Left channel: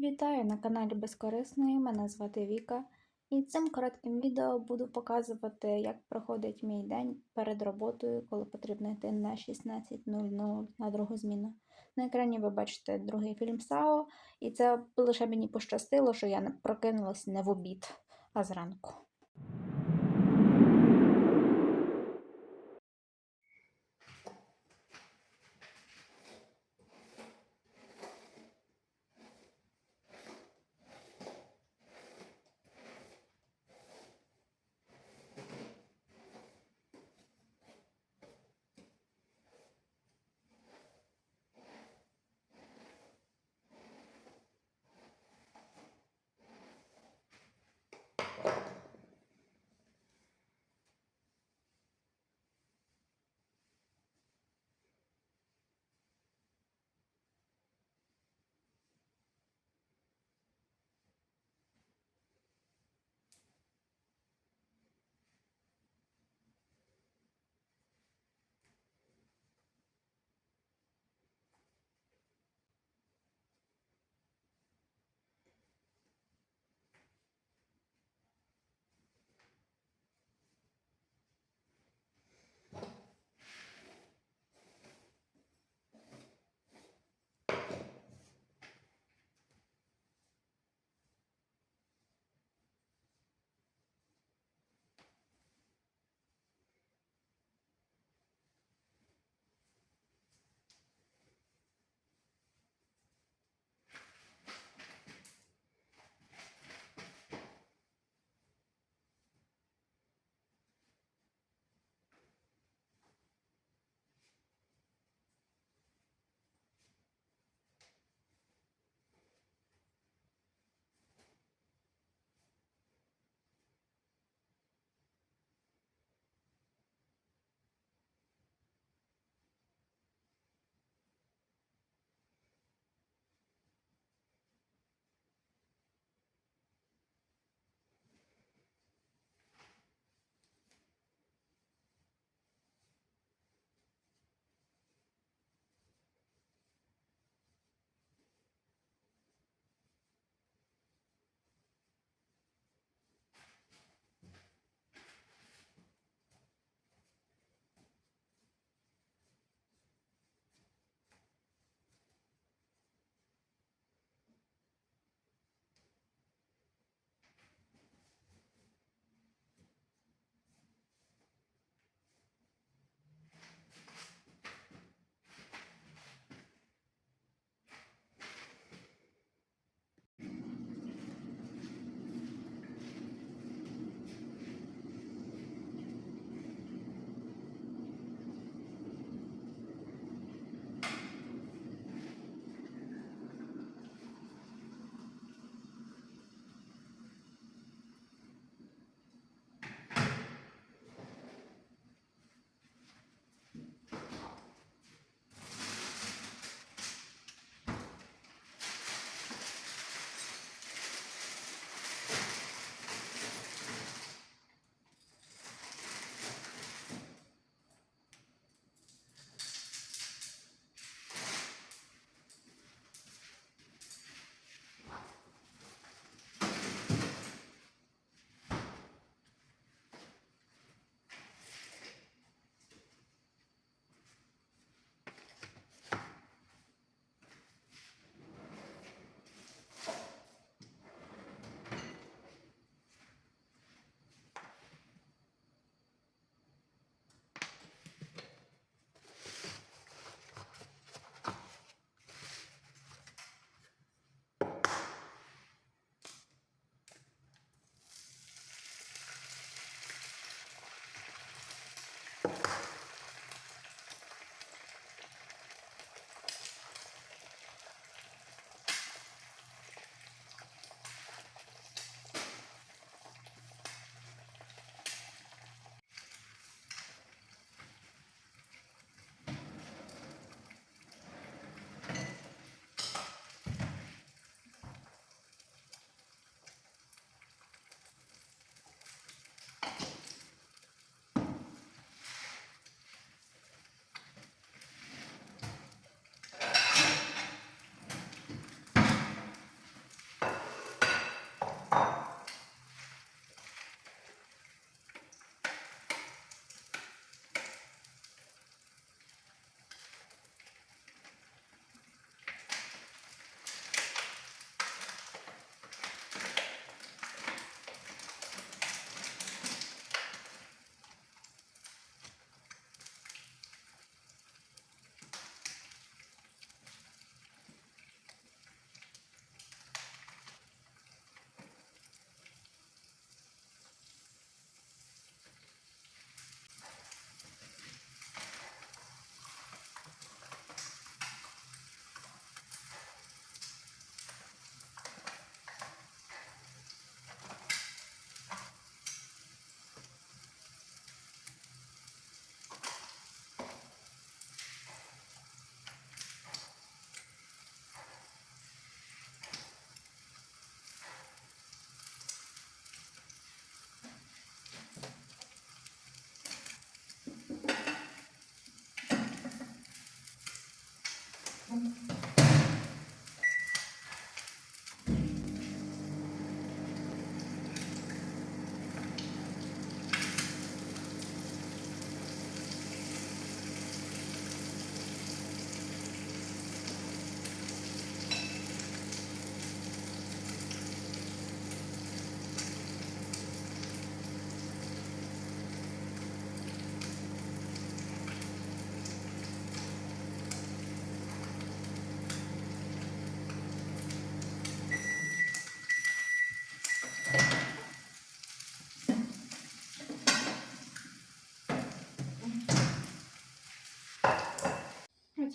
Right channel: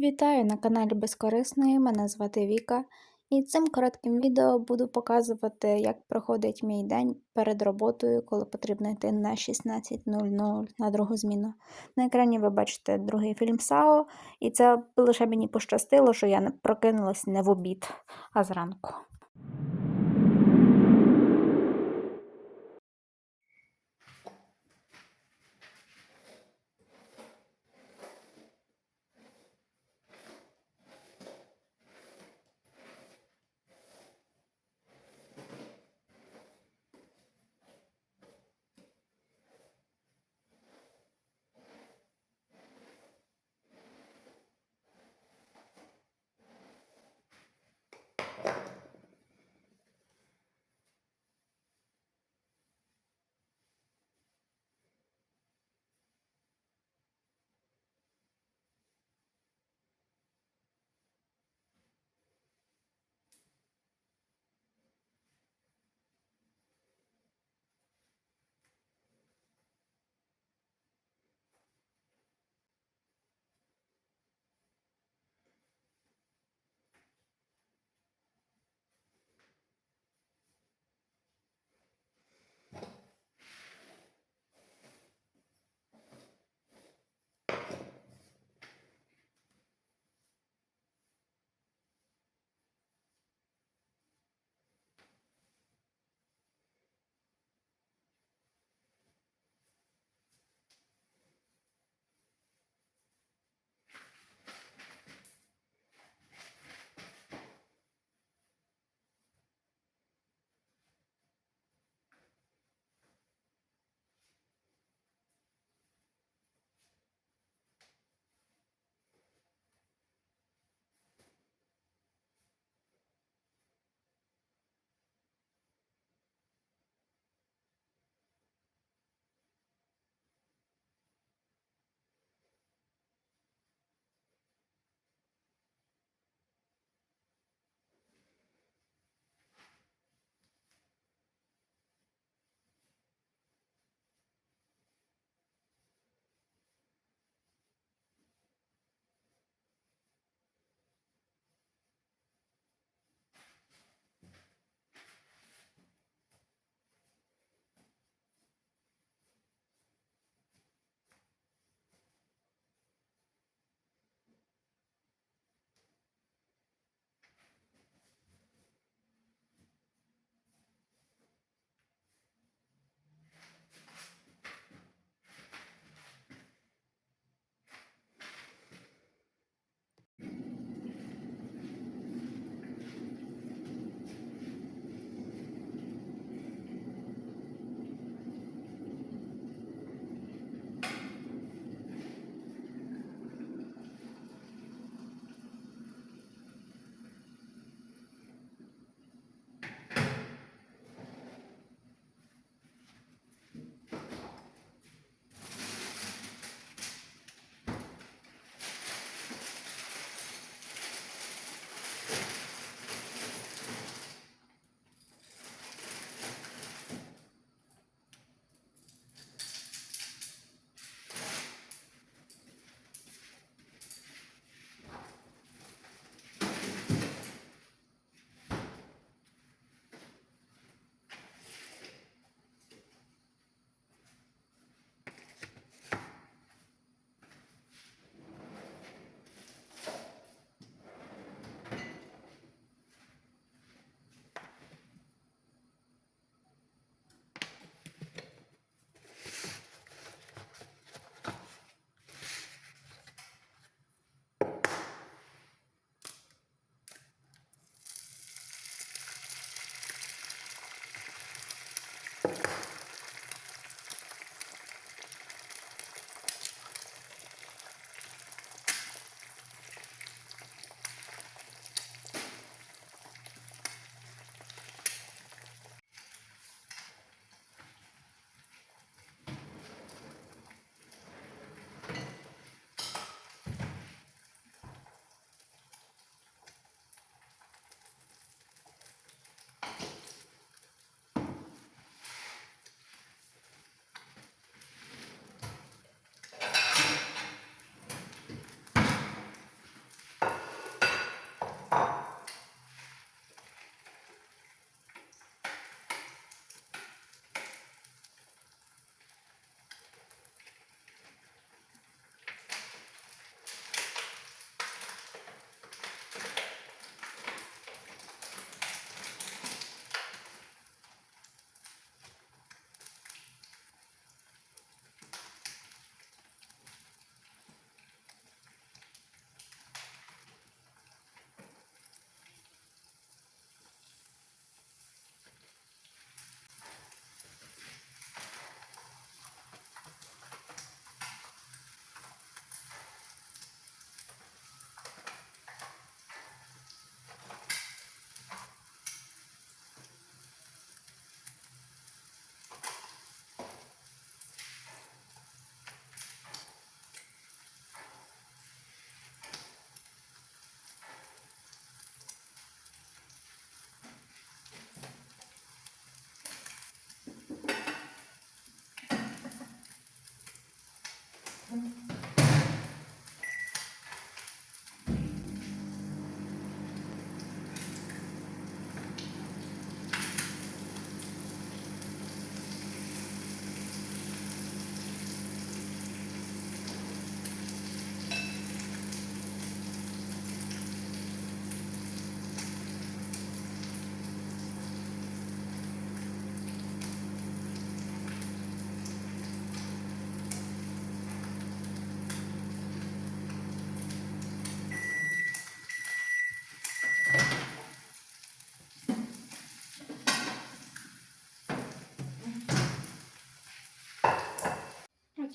Вітаю на каналі Безкорисної, мене звати Віка, і цим коротким відео буду показувати, як проходить мій день перед роботою, коли потрібно йти на 16.00 на другу зміну. На екрані ви бачите другий фільм САО, і це лише мені пощастило, що я не прокинулась не в обід, а зранку.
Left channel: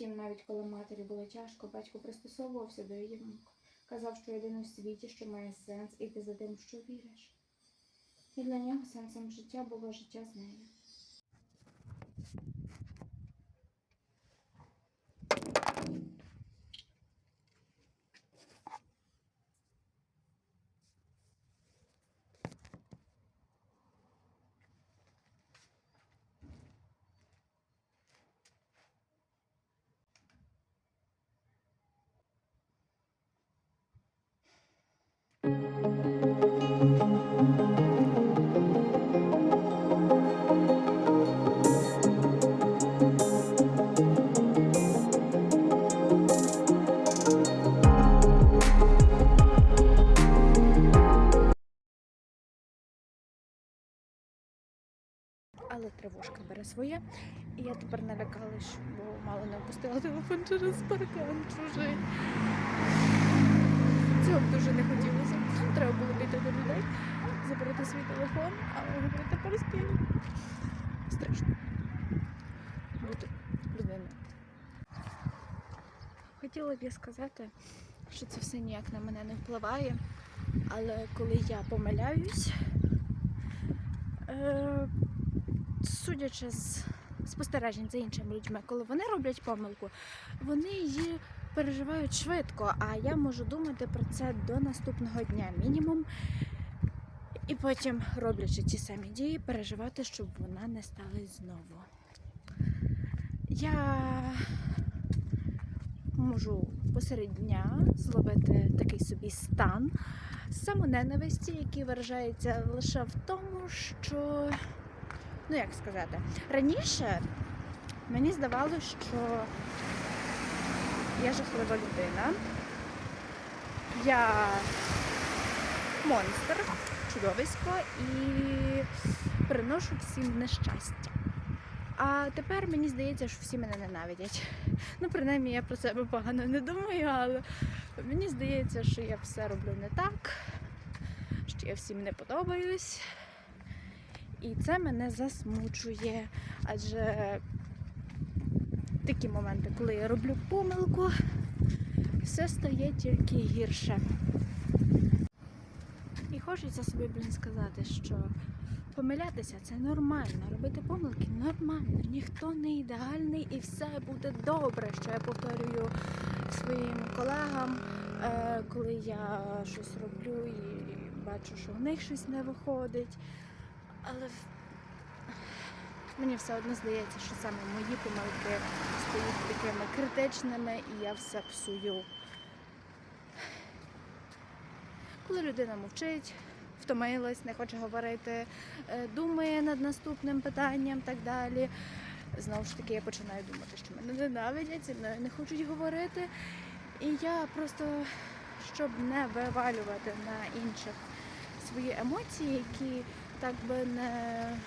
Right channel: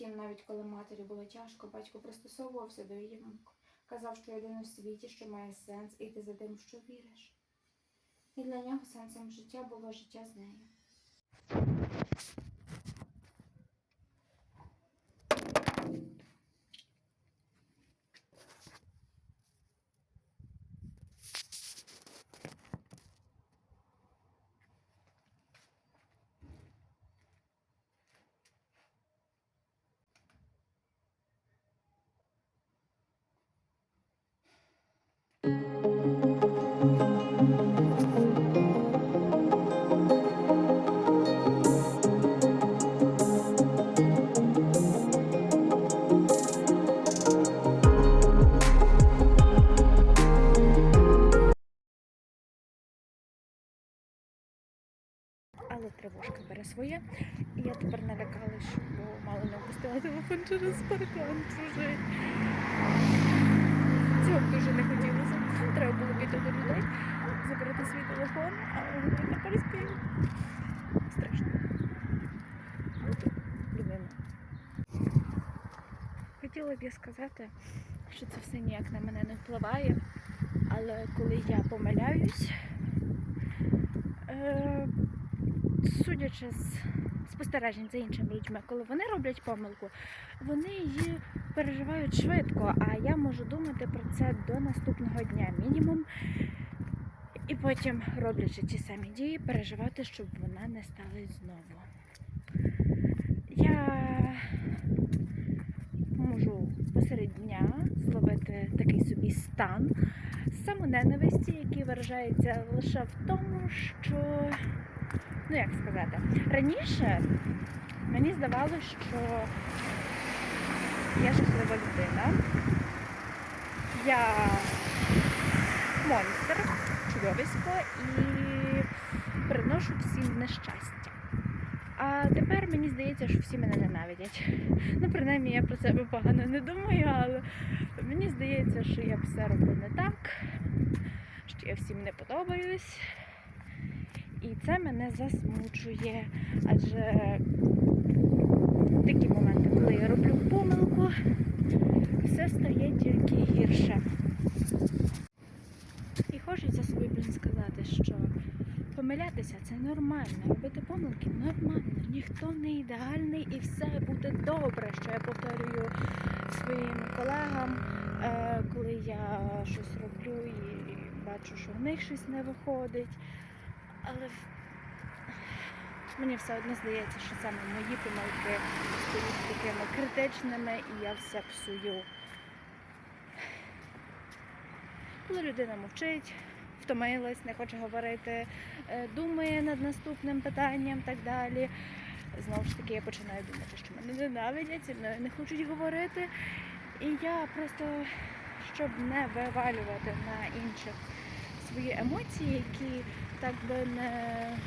Втім, навіть коли матері було тяжко, батько пристосовувався до її думки. Казав, що єдине в світі, що має сенс, іти за тим, що віриш. І для нього сенсом життя було життя з нею. Своє. І я тепер налякалась, бо мало не впустила телефон через паркан чужий. Цього дуже не хотілося. Треба було піти до людей, забрати свій телефон, а не переспію. Страшно. Бути людиною. Хотіла б я сказати, що це все ніяк на мене не впливає. Але коли я помиляюсь, е, судячи з спостережень за іншими людьми, коли вони роблять помилку, вони її переживають швидко, а я можу думати про це до наступного дня мінімум. І потім, роблячи ці самі дії, переживати, щоб вона не сталася знову. Я можу посеред дня зловити такий собі стан самоненависті, який виражається лише в тому, що ну як сказати, раніше мені здавалося, що я жахлива людина, я монстр, чудовисько і приношу всім нещастя. А тепер мені здається, що всі мене ненавидять. Ну, принаймні, я про себе погано не думаю, але мені здається, що я все роблю не так, що я всім не подобаюсь. І це мене засмучує. Адже такі моменти, коли я роблю помилку, все стає тільки гірше. І хочеться собі, блін, сказати, що помилятися це нормально, робити помилки нормально. Ніхто не ідеальний і все буде добре, що я повторюю своїм колегам, е, коли я щось роблю і бачу, що в них щось не виходить. Але мені все одно здається, що саме мої помилки стають такими критичними і я все псую. Коли людина мовчить, втомилась, не хоче говорити, е, думає над наступним питанням так далі. Знову ж таки, я починаю думати, що мене ненавидять, мною не хочуть говорити. І я просто, щоб не вивалювати на інших свої емоції, які так би не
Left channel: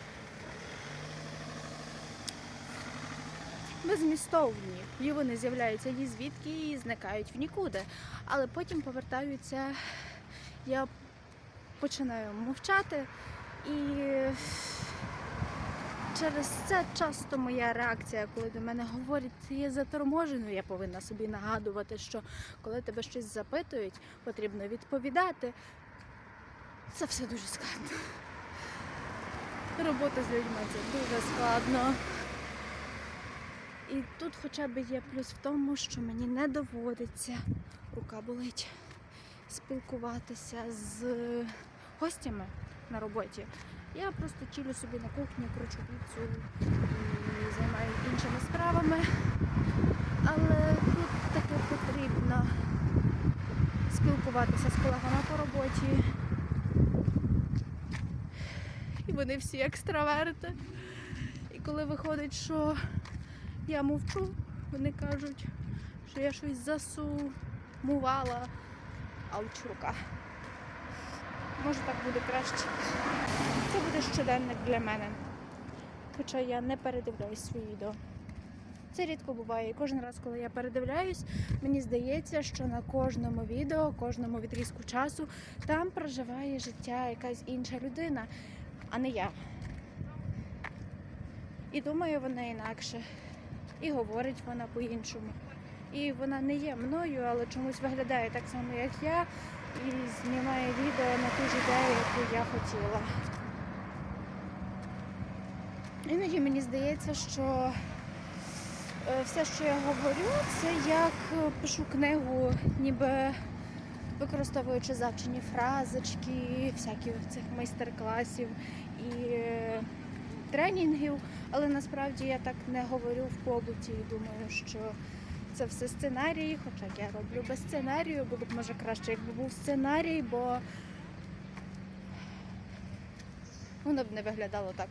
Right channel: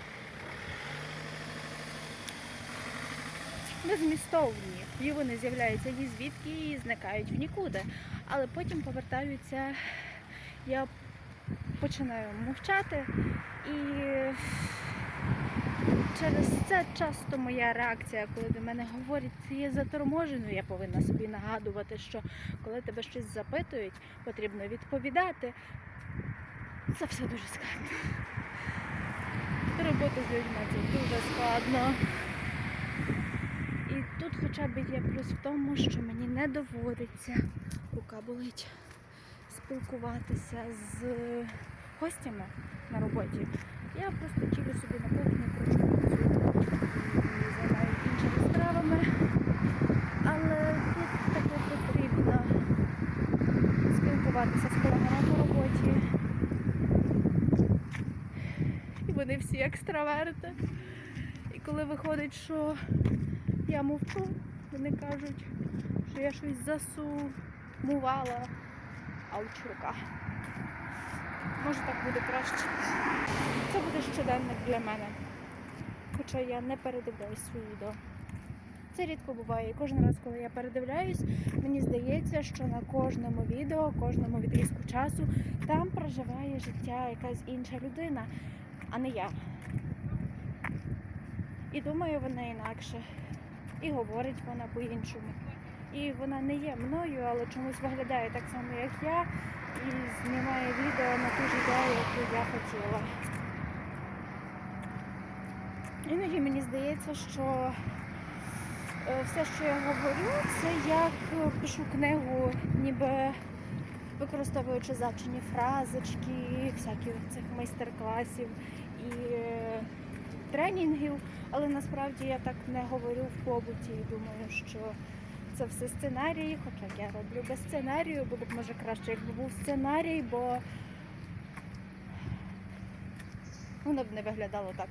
безмістовні. І вони з'являються ні звідки і зникають в нікуди. Але потім повертаються, я починаю мовчати і через це часто моя реакція, коли до мене говорять, ти є заторможеною, я повинна собі нагадувати, що коли тебе щось запитують, потрібно відповідати. Це все дуже складно. Робота з людьми це дуже складно. І тут хоча б є плюс в тому, що мені не доводиться, рука болить, спілкуватися з гостями на роботі. Я просто чилю собі на кухні, кручу курцю і займаюся іншими справами. Але тут таки потрібно спілкуватися з колегами по роботі. Вони всі екстраверти. І коли виходить, що я мовчу, вони кажуть, що я щось засумувала, ауч рука. Може так буде краще. Це буде щоденник для мене. Хоча я не передивляюсь свої відео. Це рідко буває. І кожен раз, коли я передивляюсь, мені здається, що на кожному відео, кожному відрізку часу там проживає життя якась інша людина, а не я. І думаю, вона інакше. і говорить вона по-іншому. І вона не є мною, але чомусь виглядає так само, як я, і знімає відео на ту ж ідею, яку я хотіла. Іноді мені здається, що е, все, що я говорю, це як пишу книгу, ніби використовуючи завчені фразочки, всяких цих майстер-класів і е, тренінгів. Але насправді я так не говорю в побуті і думаю, що це все сценарії, хоча я роблю без сценарію, було б може краще, якби був сценарій, бо воно б не виглядало так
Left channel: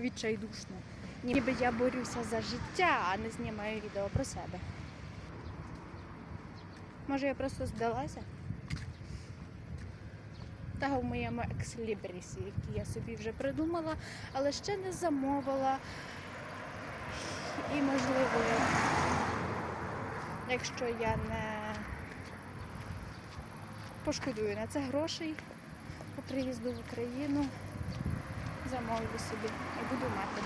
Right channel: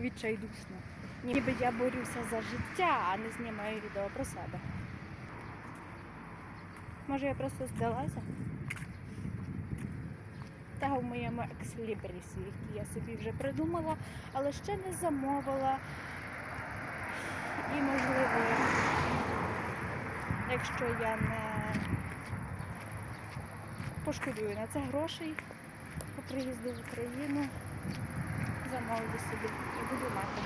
відчайдушно. Ніби я борюся за життя, а не знімаю відео про себе. Може, я просто здалася? Та в моєму екслібрісі, який я собі вже придумала, але ще не замовила. І можливо, якщо я не пошкодую на це грошей по приїзду в Україну, замовлю собі і буду мати.